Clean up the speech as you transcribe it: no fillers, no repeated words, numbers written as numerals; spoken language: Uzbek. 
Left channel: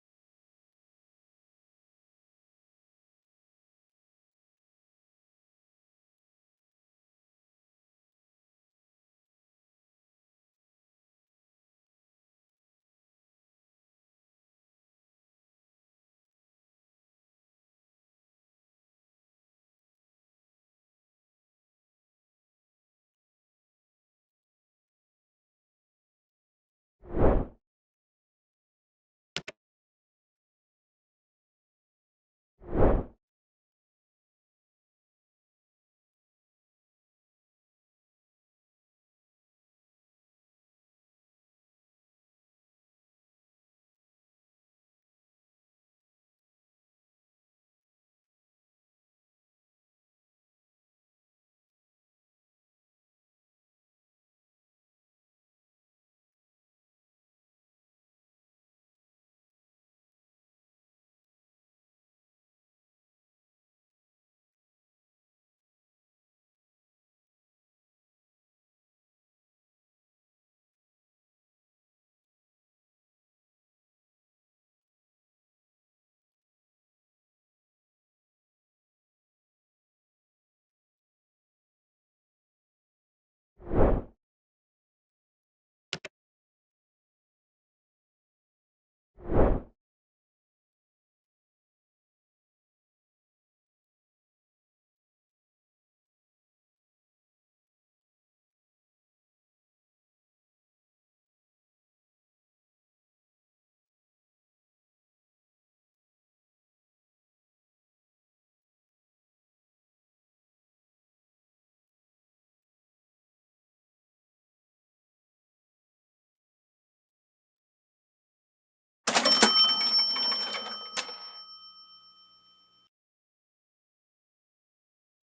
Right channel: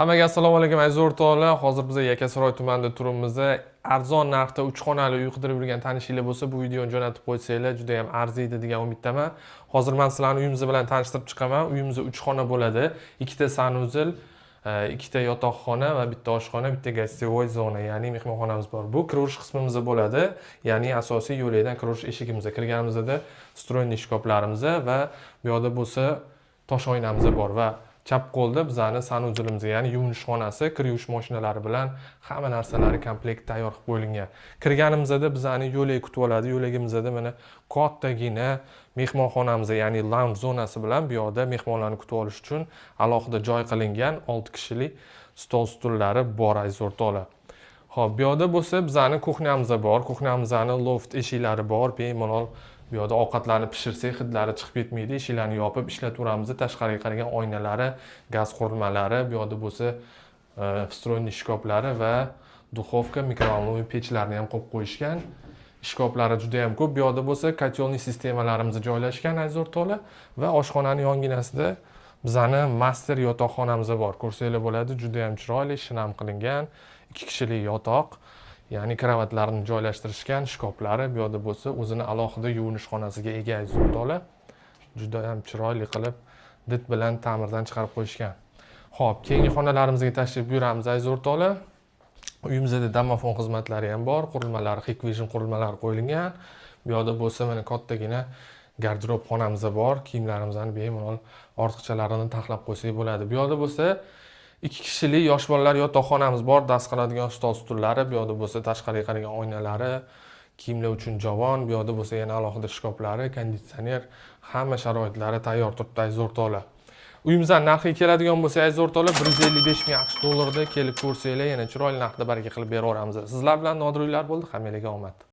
Hammaga assalomu alaykum aziz o'rtoqlar. Hozir biz Yakkasaroy tumanida turibmiz. Arzon narxda 3 xonali uy qidirib yurgan tanishinglar bo'lsa, bu videoni jo'natib qo'ysanglar juda ham arziydi degan umiddaman. Hozir men sizlarni uyimiz bilan tanishtirib chiqaman. Uyimizda 3 xona bo'ladi. Ikkita sanuzil, ikkita yotoqxona va bitta oshxona, bitta gostivoy zona, ya'ni mehmonxonamiz bor. Bu kirish qismimizda bo'ladi. Ya'ni asosiy yo'lakdan kirish eshigimizda kirganimizda stroyniy shkoplarimiz va bu yoqda bo'lsa tosh oynamiz bor va chap qo'lda bizani sanuzilimizga, ya'ni yuvinish xonasi, kir yuvish mashinalari bilan hamma narsalari komplekt tayyor qilib qo'yilgan. Kirganimizda bizani yo'lak kutib oladi. Yo'lagimizda mana kattagina mehmonxonamiz, ya'ni lounge zonasi bilan bu yoqda mehmonlarni kutib olish uchun alohida joy qilingan 6 kishilik stol stullari bor aziz o'rtoqlar. Xo'p, bu yoqda bo'lsa bizani kuxnyamiz bor. Kuxnyamizning loft eshiklari bor. Bemalol bu yoqda ovqatlarni pishirsak hidlari chiqib ketmaydi. Eshiklarni yopib ishlatamiz. Tashqariga qaragan oynalari, gaz qurilmalari, bu yoqda bo'lsa встроенный shkoplari va duxovka, mikrovolnovый pechlarni ham qo'yib qo'yishgan. Shkoplari juda ham ko'p. Bu yoqda bo'lsa kotelniy sistemalarimiz joylashgan aziz o'rtoqlar va oshxonaning yonginasida bizani master yotoqxonamiz bor. Ko'rsanglar bo'ladi, juda ham chiroyli, shinam qilingan 2 kishilik yotoq. Ya'ni kravatlarni joylashtirishgan, shkoplari, bu yoqda bo'lsa o'zini alohida yuvinish xonasiga ega aziz o'rtoqlar. Juda ham chiroyli qilib dit bilan ta'mirdan chiqarib qo'yishgan. Xo'p, keyingi xonalarimizga tashrif buyuramiz aziz o'rtoqlar. Uyimizda domofon xizmatlari ham bor, qurilmalari Hikvision qurilmalari qo'yilgan. Bu yoqda bo'lsa mana kattagina garderob xonamiz bor. Kiyimlarimizni bemalol ortiqchalarini taxlab qo'ysak bo'ladi. Bu yoqda bo'lsa 2 kishilik yosh bolalar yotoqxonamiz bor, dast qiladigan stol stullari, bu yoqda bo'lsa tashqariga qaragan oynalari, kiyimlar uchun javon, bu yoqda bo'lsa yana alohida shkoplari, konditsioner, hamma sharoitlari tayyor turibdi aziz o'rtoqlar. Uyimizdan narxiga keladigan bo'lsa aziz o'rtoqlar, 155 ming AQSh dollarida kelib ko'rsanglar, yana chiroyli narxda baraka qilib beraveramiz. Sizlar bilan Nodir uylar bo'ldi. Hammalarga omad.